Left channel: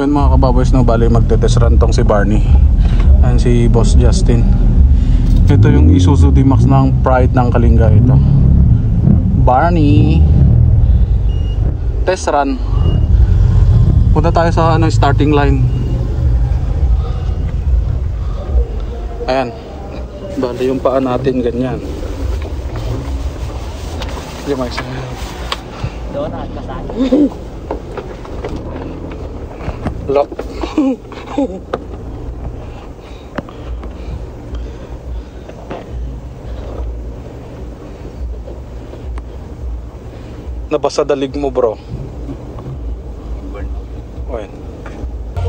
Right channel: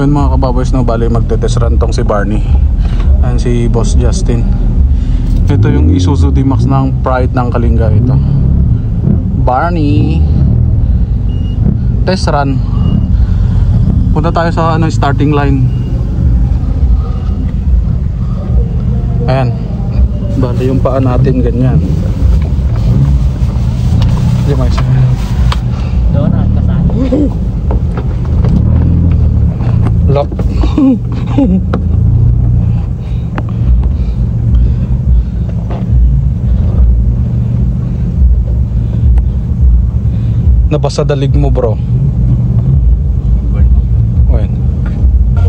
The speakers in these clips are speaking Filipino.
Ayun mga kababoys, na bali magte-test run tong si Barney. Ayan si Boss Justin. Ito yung Isuzu D-Max ng Pride ng Kalinga ito. Barney, test run. Punta tayo sa starting line. Ayan, bali yung paa natin ganyan. Lock. Nabasa dalig mo bro. Wait.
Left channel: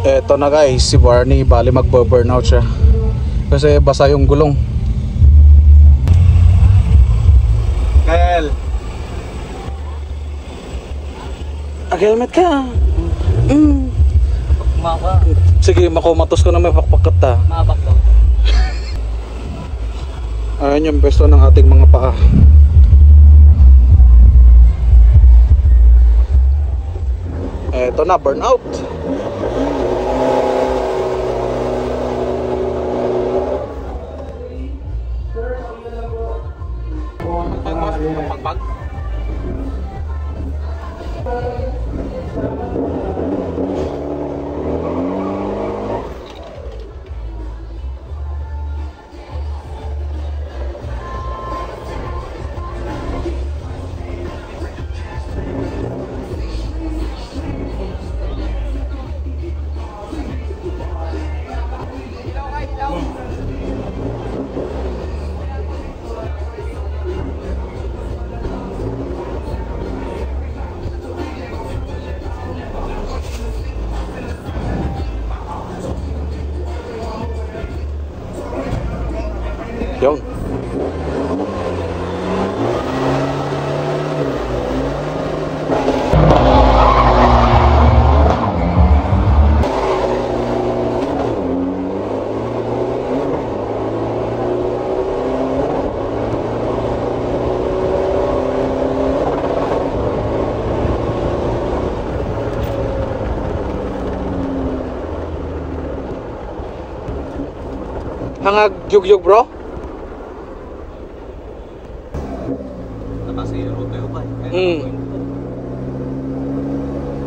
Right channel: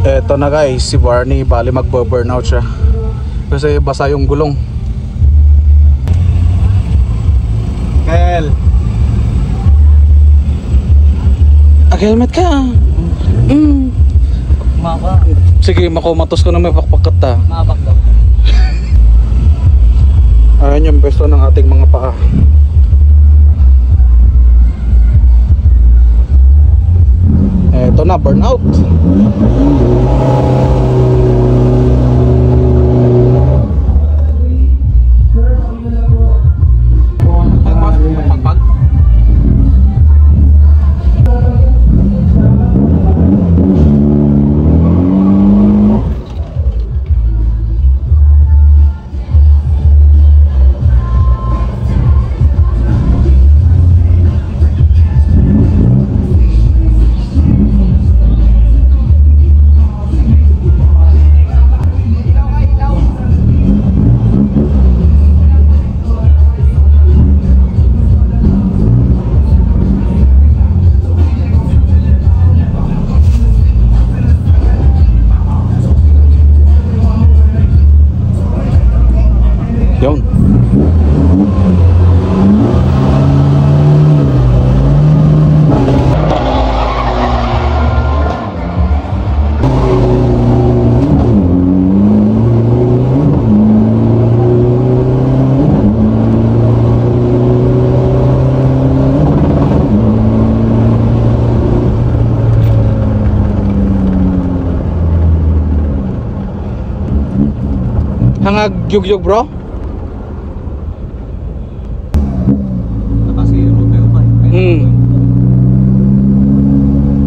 Eto na guys, si Barney bali magbo-burnout siya kasi basa yung gulong. Kel, Helmet ka. Sige, makumatos ko na may pakpakat ta. Ayan yung pwesto ng ating mga pakak. Eto na, burnout. Yung hangag yugyug bro.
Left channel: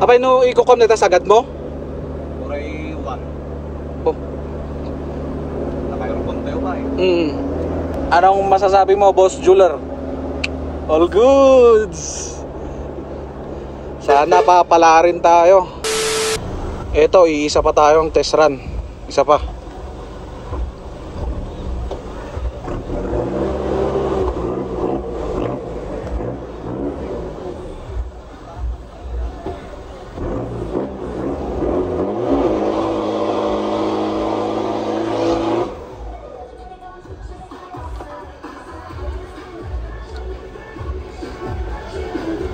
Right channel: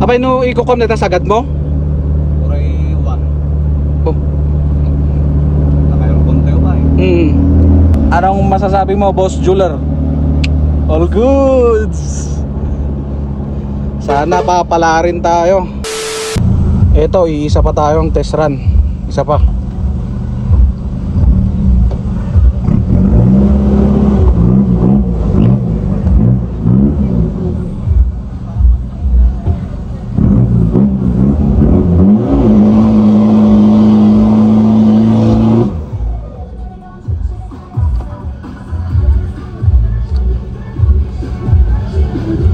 Abay no ikukom nito sagad mo? Oray 1. Oh. Nakayong tayo pa eh. Anong masasabi mo, Boss Jeweler? All goods. Sana pa pala rin tayo. Ito, iisa pa tayong test run. Isa pa.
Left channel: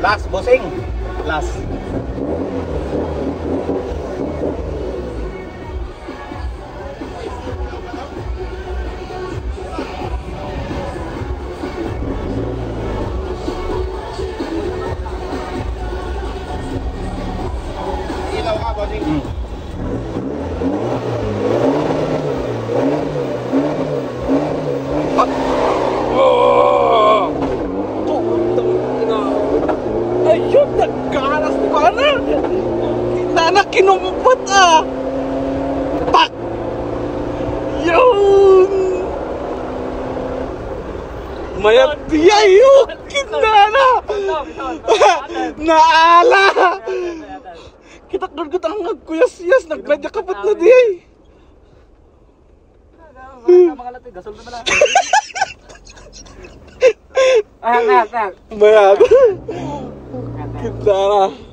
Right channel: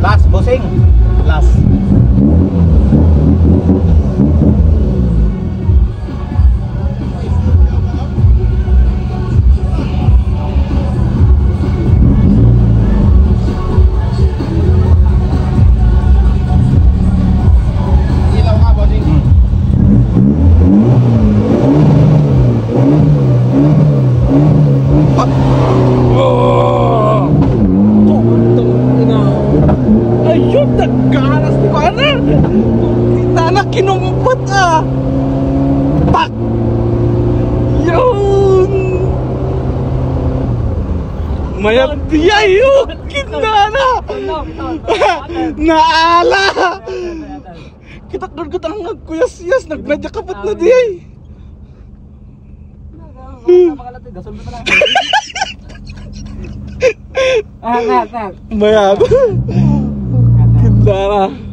Last, bossing. Last. Kinungupot ah. Pak. Yun. Mayat dia yun. Kinala. Naala. Kita lang nagkuyas-yas. Nagradya kapot na di. Mayat. Kinala.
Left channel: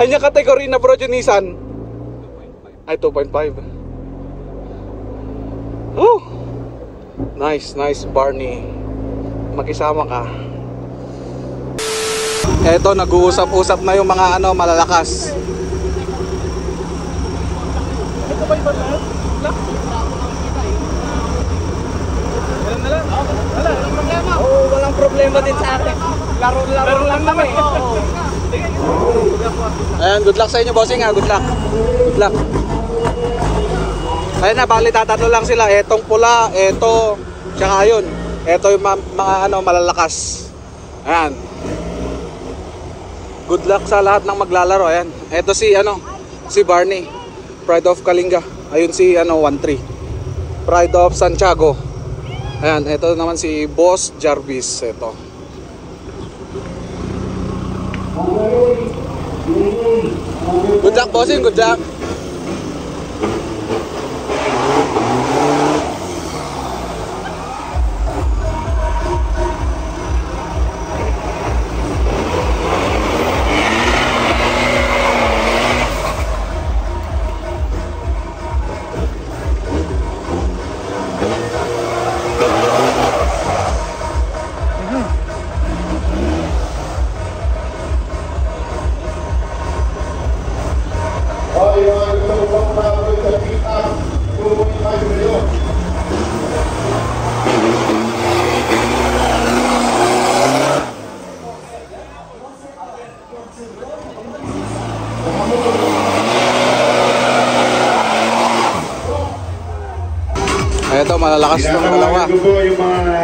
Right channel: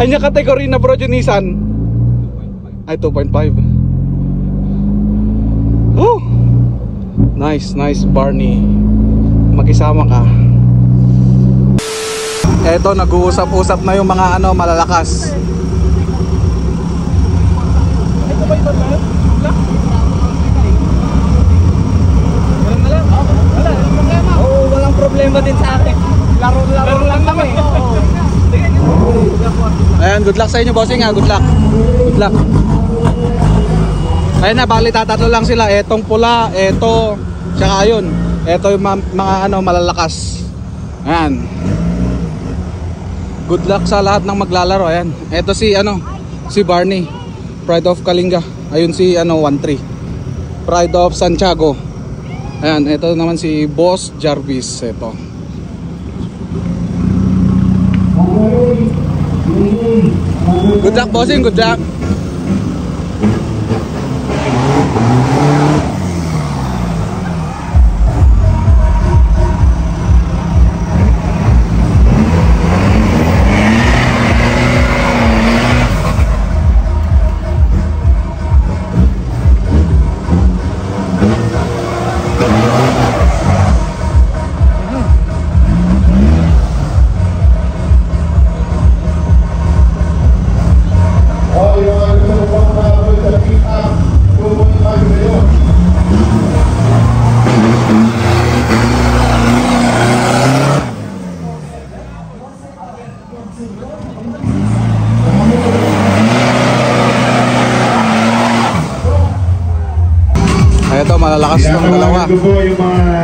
Ay niya kategory na bro yung Nissan. Ay 2.5. Oh. Nice Barney. Mag-isama ka. Eto nag-uusap-usap na yung mga malalakas. Ayan, good luck sa inyo bossing ha, good luck. Good luck. Ayun na, bali tatatlo lang sila. Etong pula, eto, tsaka yun. Eto yung mga ano, malalakas. Ayan. Good luck sa lahat ng maglalaro. Ayan. Eto si ano, si Barney, Pride of Kalinga. Ayun si ano, 1-3. Pride of Santiago. Ayan, ito naman si Boss Jarvis. Ito. Good luck bossing, good luck.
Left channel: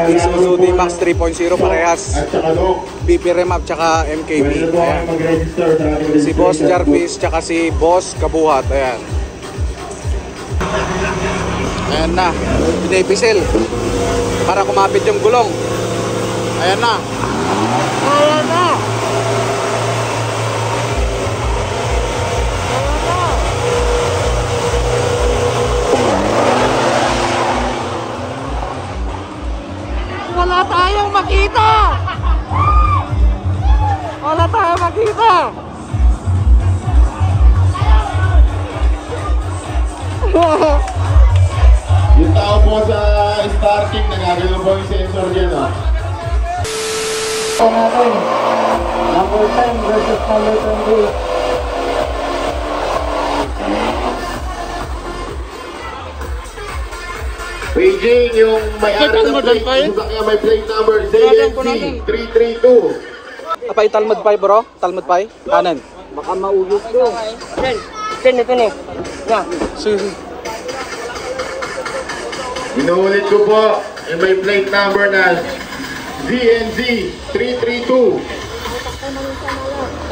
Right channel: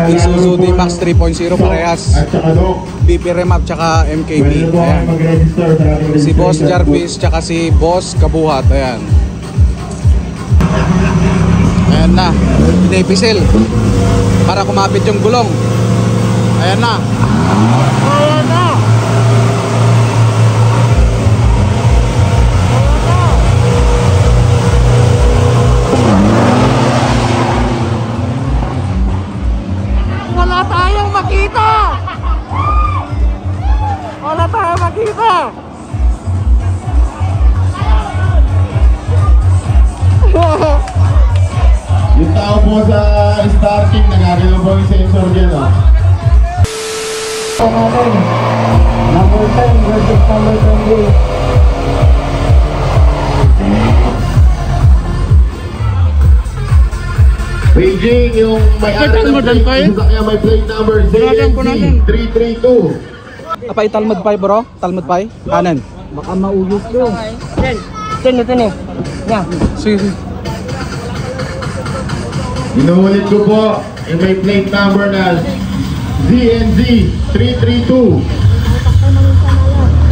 Isuzu D-Max 3.0 parehas, BP Remap tsaka MKB. Si Boss Jarvis tsaka si Boss Kabuhat. Ayan. Ayan na, Davisel para kumapit yung gulong. Ayan na. Starting na gagawin po yung sensor dyan. Number 10, Joseph Palmer. Beijing yung may-ari ng may plate number ZNC332. Apa Talmud Pai bro? Talmud Pai? Kanan. Baka mauyos ko. Ten ito ni. Yeah. Sige. Inuulit ko po yung may plate number na ZNZ332.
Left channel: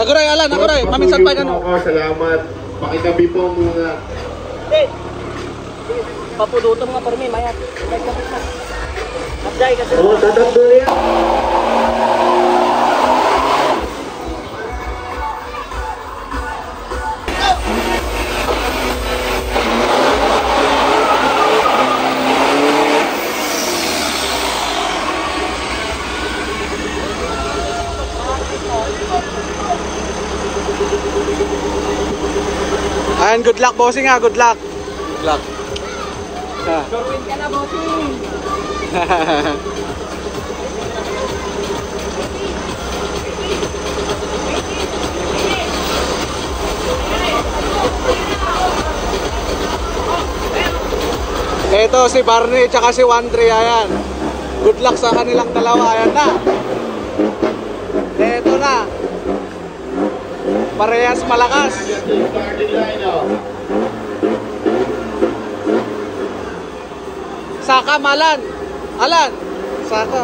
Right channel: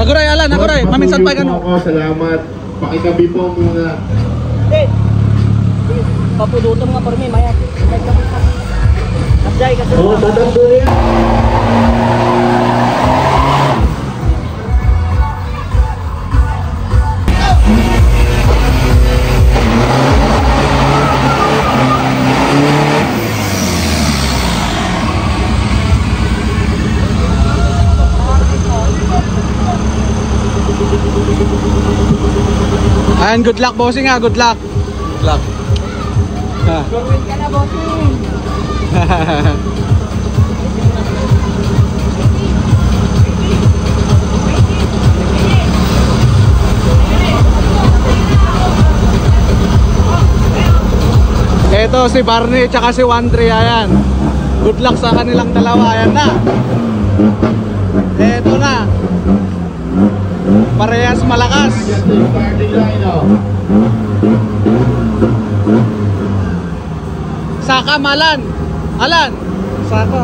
Naguray Alan, naguray. Maminsan pa ganun. Salamat. Pakitabi po ang mga... Papudutong nga por mi, maya. Magday kasi. Oh, tatagpuli. And good luck bossing ha, good luck. Good luck. Gorwin ka na, bossing. Ito si Barney tsaka si 1-3. Ayan. Good luck sa kanilang dalawa. Ayan na. Ito na. Parehas malakas. Saka malan. Alan. Saka.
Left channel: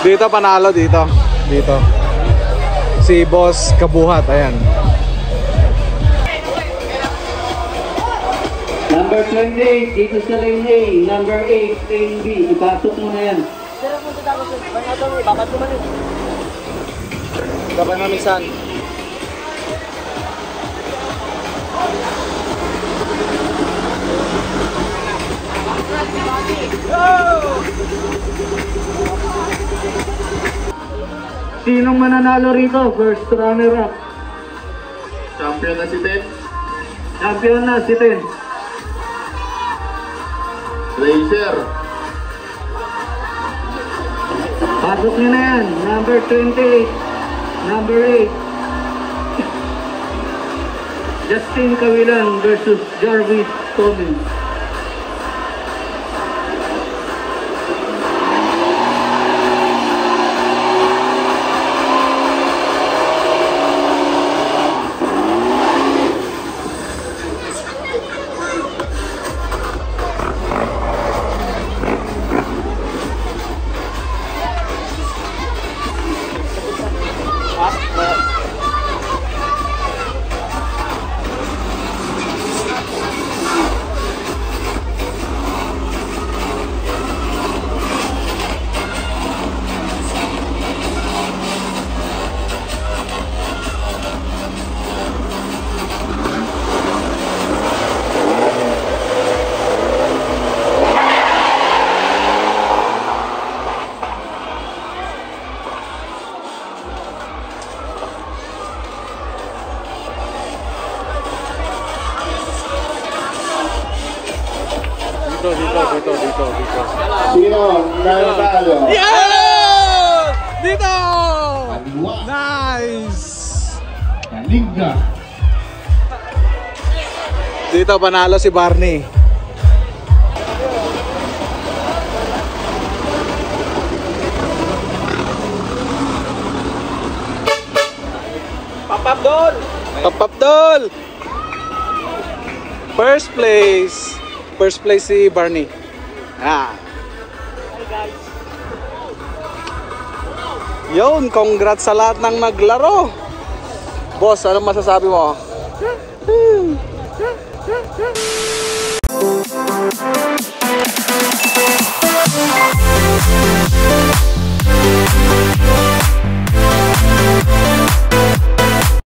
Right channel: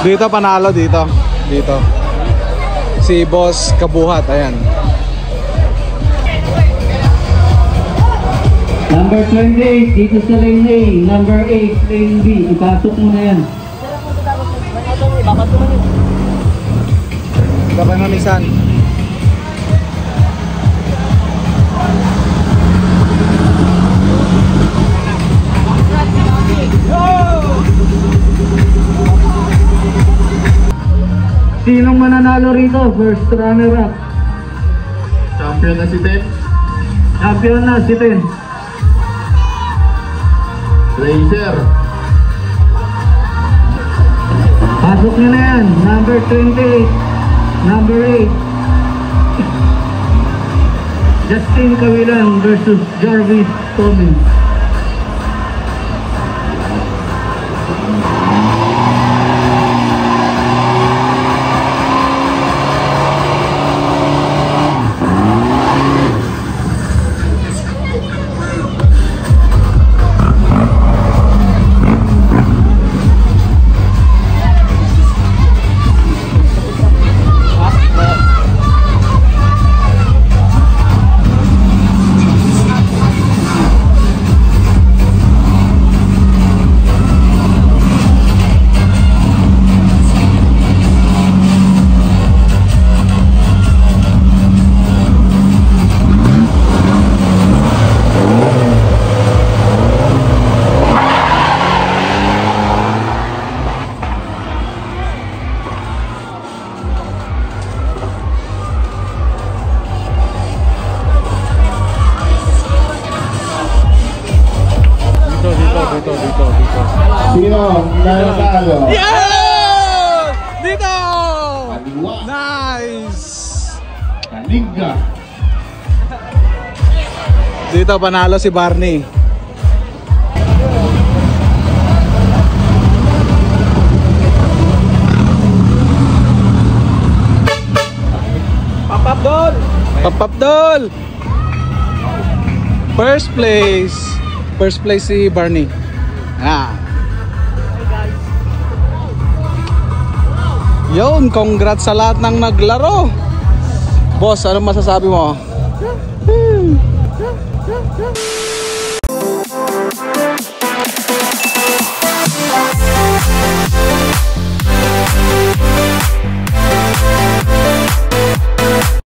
Dito panalo dito. Dito. Si Boss Kabuhat, ayan. Number 28, dito sa lane A. Number 8, lane B. Ipasok mo na yan. Kapangilisan. Sinong mananalo rito? First runner up. Champion na si Ben. Champion na si Ben. Blazer. Pasok na yan. Number 28. Number 8. Justin Cavilan versus Jarvis Tommy. Sino? Nanalo. Dito! Ayos. Nice! Kalinga. Dito panalo si Barney. Papagol! Papapdol! First place. First place si Barney. Yun, congrats sa lahat ng naglaro. Boss, ano masasabi mo?